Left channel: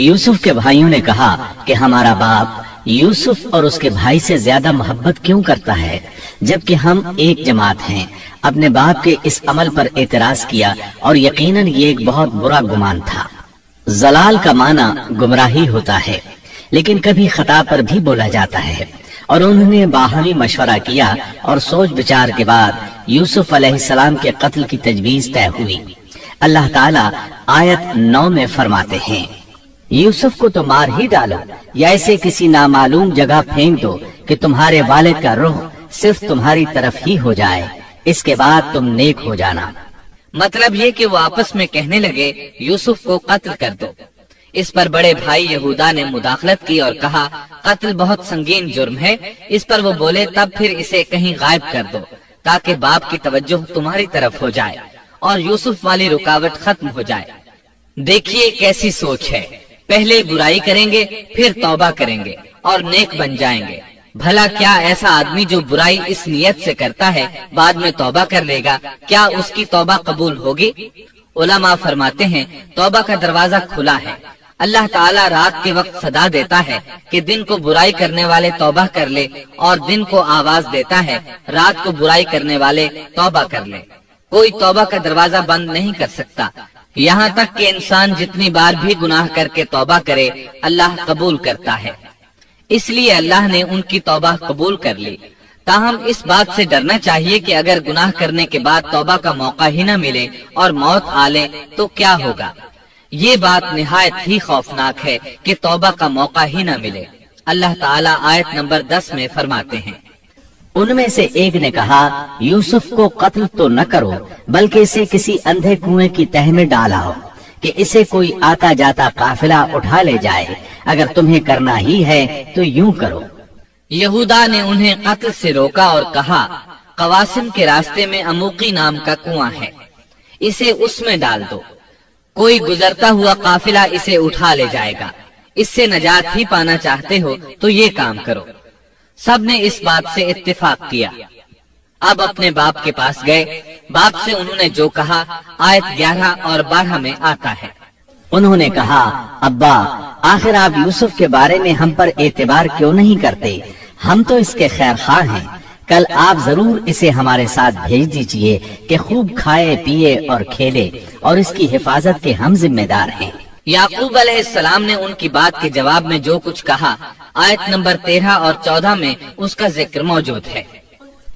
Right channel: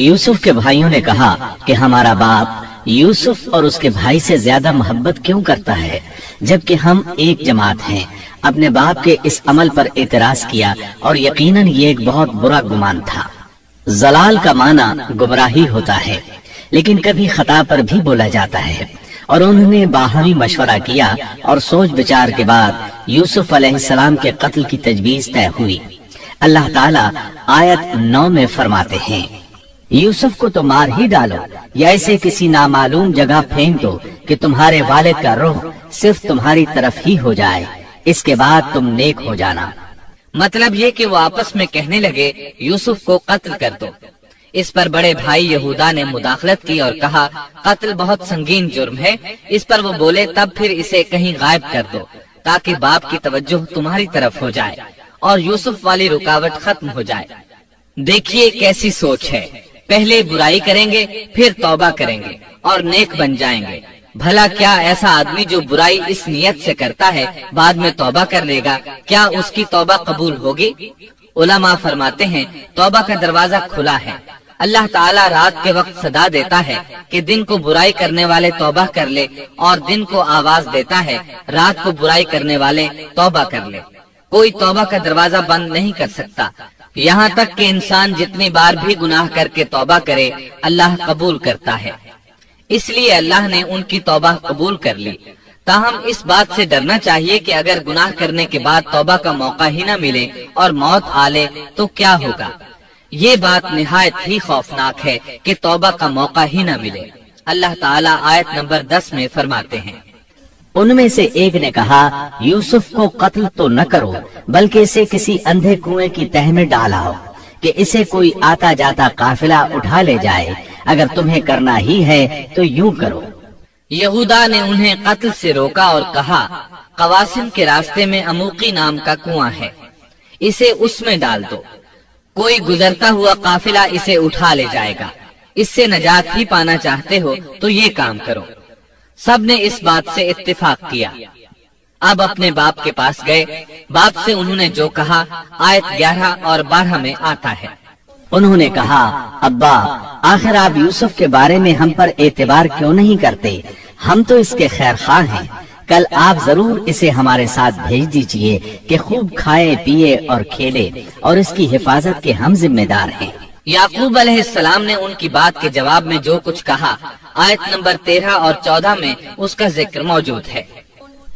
यूसुफ के भाइयों ने कहा कि हमारा बाप यूसुफ और उसके भाई से ज्यादा मोहब्बत क्यों करता है, जबकि हम एक जमात हैं। अपने बाप के इस अमल पर एतराज किया और यकीनन ये एक बहुत बुरा गुमान था। जलाल का माना गुमराही होता है, लेकिन कभी खता पर भी बोला जाता है। और उन्होंने बाहरी मशवरा किया और सोच विचार के बाद यूसुफ अलैहिस्सलाम के कत्ल की तजवीज तय हुई। अल्लाह ताला आयत 9 में फरमाते हैं, यूसुफ को तो मार ही डालो या इसे किसी नामालूम जगह फेंक दो कि तुम्हारे वालिद का रुख सिर्फ तुम्हारी तरफ ही हो जाए, इसके बाद तुम नेक हो जाना। मतलब ये कि वो आपस में कहने लगे यूसुफ को कत्ल कर दो। इस पर बड़े भाई यहूदा ने मुदाखलत की और कहा, कत्ल बहुत संगीन जुर्म है। इस पर वो बोले, तब फिर इसे कहीं गायब कर दो ताकि बाप की तवज्जो तुम्हारी तरफ हो जाए और यूसुफ वाली रुकावट खत्म हो जाए। देखिए कैसी सोच है, पहले बुराई करेंगे फिर तौबा करेंगे और नेक बन जाएंगे। भला क्या ऐसा आदमी जो बुराई इस नियत से करता है बाद में तौबा कर लेगा, क्या उसकी तौबा कबूल होगी? उलमा फरमाते हैं, तौबा का दरवाजा खुला है। अल्लाह ताला रात के वक्त सदा देता है कि दिन को बुराई करने वाले तौबा कर ले, और दिन को आवाज देता है रात को बुराई करने वाले तौबा कर ले। कोई तौबा का दरवाजा बंद नहीं कर सकता। यहाँ तक कि इंसान जितनी बार भी गुनाह करके तौबा करे, अल्लाह कबूल करता है। इसलिए अल्लाह ने उनकी तौबा कबूल कर ली। ताहम इस बात से डरना चाहिए कि अगर गुनाह करने के बाद तौबा का मौका ही न मिले और मौत आ ले तो क्या होगा। ये बात निहायत ही खौफनाक है कि तौबा का मौका ही न मिले। अल्लाह ताला आयत नंबर 10 में फरमाते हैं, उनमें से एक ने कहा, यूसुफ को कत्ल तो न करो, बल्कि इसे किसी अंधे कुएं की तह में डालाओ कि इसे कोई आता जाता काफिला उठा ले जाए। अगर तुम्हें करना ही है तो यूं करो। यहूदा ने उन्हें कत्ल से रोका और कहा, कवासिम के रास्ते में अमूकी नाम का कुआं है, इसे उसमें डाल दो। कोई गुजरता हुआ काफिला इसे उठा ले जाएगा। इससे नजात ही पाना चाहते हो तो ये काम करो। सब ने इस बात से इत्तेफाक किया। अब अपने बाप के पास गए। बाप से उन्होंने जो कहा आयत 11 और 12 में आता है। उन्होंने कहा, अब्बा, आखिर आप यूसुफ के बारे में हम पर एतबार क्यों नहीं करते? हम तो इसके खैर खां हैं। कल आप जरूर इसे हमारे साथ भेज दीजिए कि खूब खाए पिए और खेले, और इसकी हिफाजत के हम जिम्मेदार हैं। याकूब अलैहिस्सलाम ने उनकी बात के जवाब में जो कुछ कहा, आयत नंबर 13 और 14 में उसका जिक्र मौजूद है।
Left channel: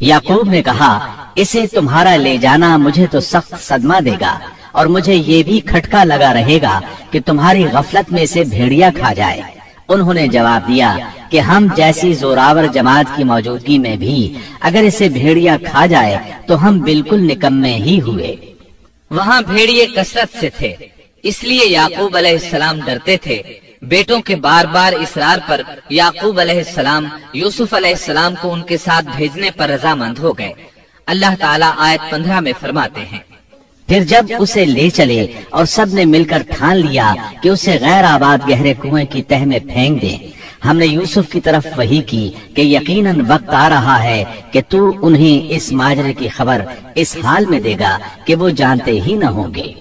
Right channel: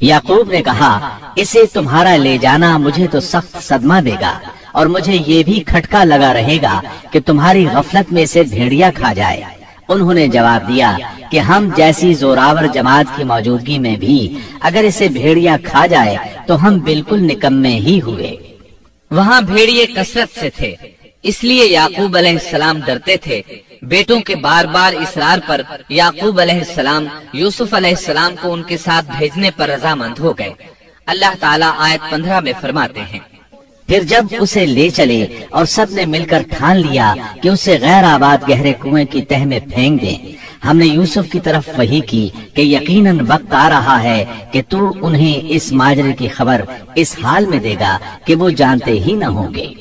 याकूब ने कहा, इसे तुम्हारा ले जाना मुझे तो सख्त सदमा देगा, और मुझे ये भी खटका लगा रहेगा कि तुम्हारी गफलत में से भेड़िया खा जाए। उन्होंने जवाब दिया कि हम जैसी जोरावर जमात की मौजूदगी में भी अगर इसे भेड़िया खा जाए तो हम बिल्कुल निकम्मे ही हुए। वहाँ भेड़िए कसरत से थे, इसलिए याकूब अलैहिस्सलाम डरते थे। बेटों के बार बार इसरार पर याकूब अलैहिस्सलाम यूसुफ अलैहिस्सलाम को उनके साथ भेजने पर रजामंद हो गए। अल्लाह ताला आयत 15 में फरमाते हैं, फिर जब उसे ले चले और सब ने मिलकर ठान लिया कि उसे गैर आबाद गहरे कुएं की तह में फेंक दें, हमने यूसुफ की तरफ वही की कि यकीनन वक्त आ रहा है कि तू उन्हें इस माजरे की खबर इस हाल में देगा कि वो जानते ही न होंगे।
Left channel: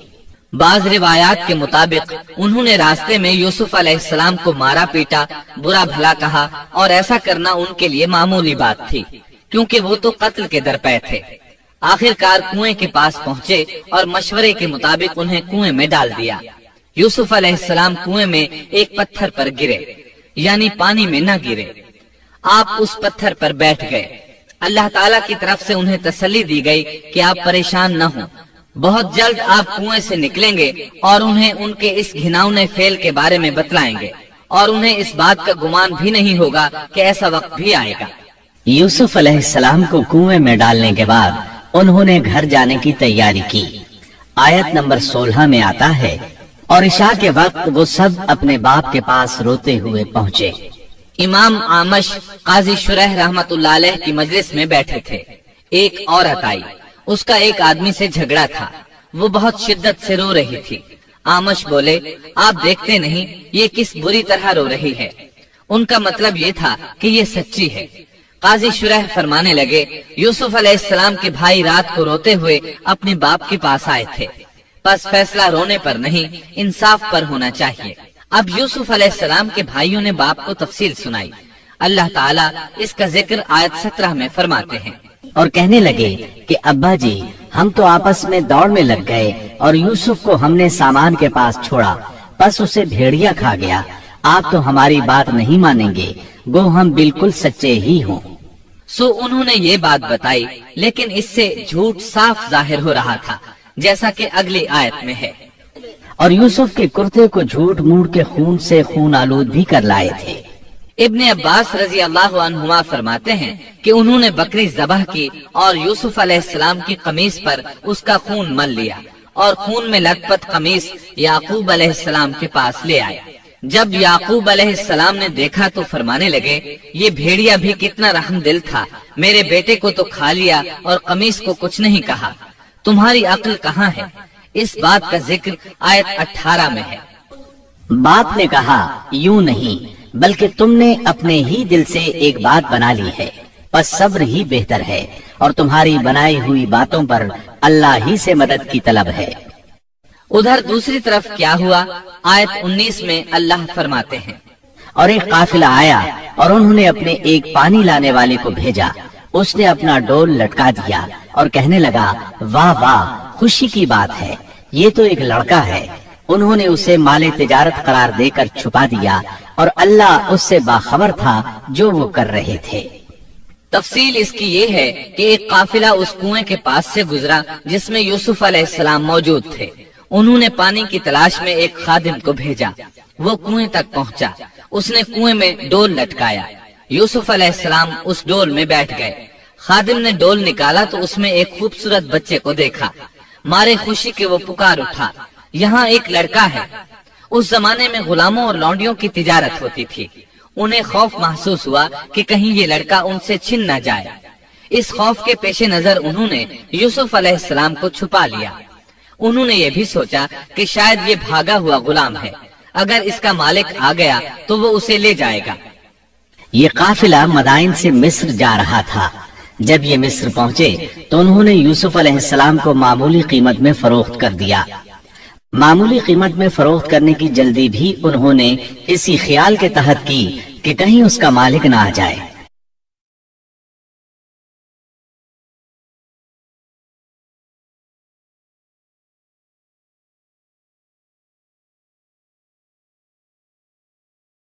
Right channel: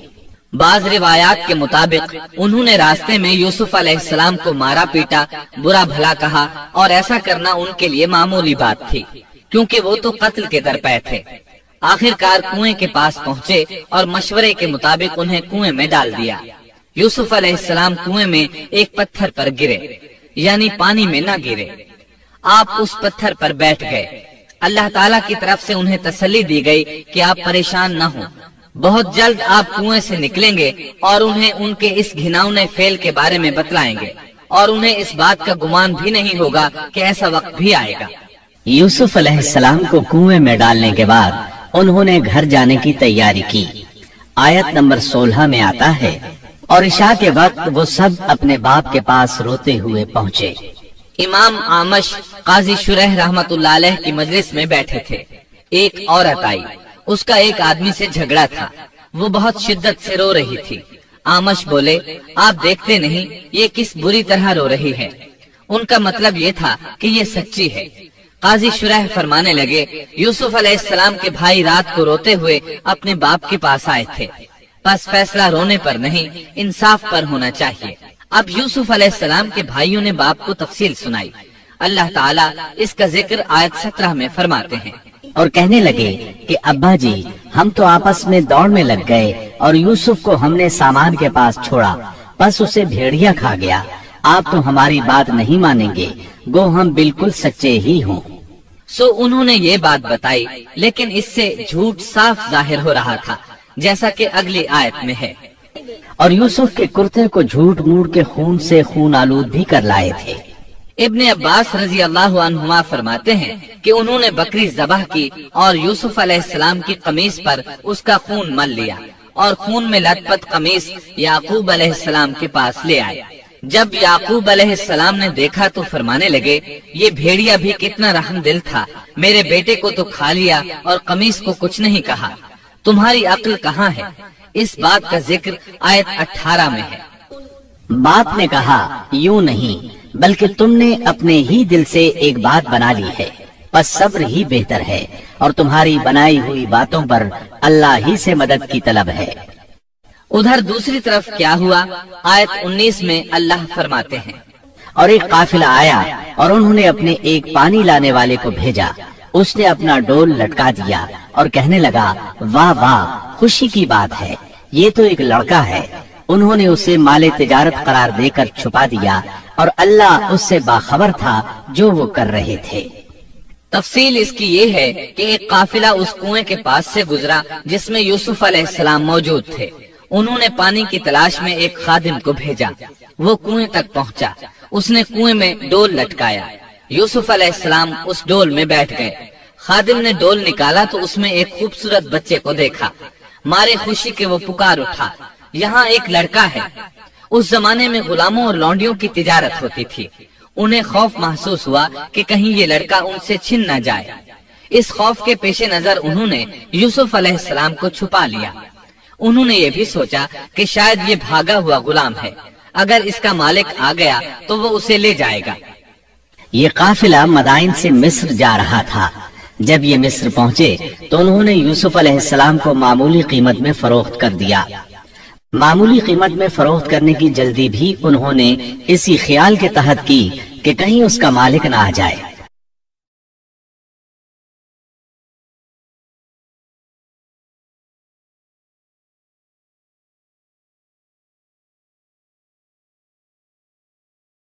बाज रिवायात के मुताबिक उन्होंने रास्ते में यूसुफ अलैहिस्सलाम को मारा पीटा, बुरा भला कहा, और ऐसा करना उनके लिए मामूली बात थी क्योंकि वो तो कत्ल के दरपे थे। आखिरकार कुएं के पास पहुँचे और मशवरे के मुताबिक उन्हें कुएं में डाल दिया। यूसुफ अलैहिस्सलाम कुएं में एक पत्थर पर गिरे, यानी पानी में न गिरे। आप उस पत्थर पर बैठ गए। अल्लाह ताला की तरफ से उन्हें तसल्ली दी गई कि आप परेशान न हो, बहुत जल्द आप कुएं से निकलेंगे और उन्हें उनके इस घिनौने फेल के बारे में बतलाएंगे, और उन्हें इस बात का गुमान भी नहीं होगा कि ऐसा वक्त भी आएगा। यूसुफ अलैहिस्सलाम को कुएं में डालने के बाद उन्होंने घर जाने की तैयारी की। आयत नंबर 16 में आता है, और इशा के वक्त वो सब अपने बाप के पास रोते हुए पहुँचे। इमाम आमश काजी शुरैह रहमतुल्लाह अलैह की मजलिस में बैठे थे। एक औरत आई, उसका एक आदमी से झगड़ा था। वो बहुत शिद्दत से रो रही थी। आमश बोले, आप देखते नहीं ये किस बुरी तरह रो रही है। उनका मतलब ये था कि ये सच्ची है। काजी शुरैह फरमाने लगे, यूसुफ अलैहिस्सलाम के भाई रात को रोते हुए अपने बाप के पास आए थे, बस फैसला रोने पर नहीं इंसाफ पर होना चाहिए। اب یوسف علیہ السلام کے بھائیوں نے باپ کو تفصیل سنائی۔ اللہ تعالیٰ اس کا ذکر آیت 17 میں فرماتے ہیں، اور کہنے لگے کہ ابا جی ہم تو آپس میں دوڑ میں لگ گئے اور یوسف کو ہم نے سامان کے پاس چھوڑا، بس اسے بھیڑیا کھا گیا۔ آپ تو ہماری بات نہیں مانیں گے، گو ہم بالکل سچے ہی ہوں۔ سو انہوں نے یہ بات بتائی، لیکن اس سے جھوٹ صاف ظاہر ہو رہا تھا، جیسا کہ اگلی آیت میں ہے۔ اور یوسف کے کرتے کو جھوٹ موڑ کے خون سے خون آلود بھی کر لائے تھے۔ ابن عباس رضی اللہ عنہما فرماتے ہیں کہ انہوں نے بکری ذبح کی اور یوسف علیہ السلام کی قمیص پر اس کا خون مل لیا اور خون میں لت پت قمیص یعقوب علیہ السلام کے پاس لے آئے۔ جب یعقوب علیہ السلام نے دیکھا تو فرمانے لگے، یہ بھیڑیا بھی کتنا رحم دل تھا، میرے بیٹے کو تو کھا لیا اور قمیص کو کچھ نہیں کہا، تمہاری عقل کہاں ہے؟ اس بات کا ذکر آیت 18 میں ہے۔ باپ نے کہا، یوں نہیں بلکہ تم نے اپنے ہی دل سے ایک بات بنا لی ہے، بس صبر ہی بہتر ہے، اور تمہاری بنائی ہوئی باتوں پر اللہ ہی سے مدد کی طلب ہے۔ ادھر دوسری طرف کیا ہوا؟ آیت 19 میں اللہ فرماتے ہیں، اور ایک قافلہ آیا اور انہوں نے اپنے ایک پانی لانے والے کو بھیجا، اس نے اپنا ڈول لٹکا دیا اور کہنے لگا، واہ واہ، خوشی کی بات ہے، یہ تو ایک لڑکا ہے۔ انہوں نے اسے مال تجارت قرار دے کر چھپا دیا، اور اللہ اس سے باخبر تھا جو وہ کر رہے تھے۔ تفصیل اس کی یہ ہے کہ ایک قافلہ اس کنویں کے پاس سے گزرا جس میں یوسف علیہ السلام موجود تھے۔ انہوں نے پانی کی تلاش میں ایک خادم کو بھیجا، وہ کنویں تک پہنچا، اس نے کنویں میں ڈول لٹکایا، یوسف علیہ السلام اس ڈول میں بیٹھ گئے۔ خادم نے ڈول نکالا تو اس میں ایک خوبصورت بچے کو دیکھا، مارے خوشی کے وہ پکار اٹھا، یہاں ایک لڑکا ہے۔ اس زمانے میں غلاموں اور لونڈیوں کی تجارت ہوتی تھی، انہیں خوف محسوس ہوا کہ کہیں یہ لڑکا ان سے چھن نہ جائے۔ اس خوف کے پیش نظر انہوں نے یوسف علیہ السلام کو چھپا لیا۔ انہوں نے یہ بھی سوچا کہ شاید یہ بھاگا ہوا غلام ہے، اگر اس کا مالک آ گیا تو وہ اسے لے جائے گا۔ یہ قافلہ مدائن سے مصر جا رہا تھا۔ جب یہ مصر پہنچے تو انہوں نے یوسف علیہ السلام کو معمولی قیمت میں فروخت کر دیا۔ معمولی قیمت میں فروخت کرنے کی جلدی بھی انہوں نے اسی خیال کے تحت کی کہ کہیں اس کا مالک نہ آ جائے۔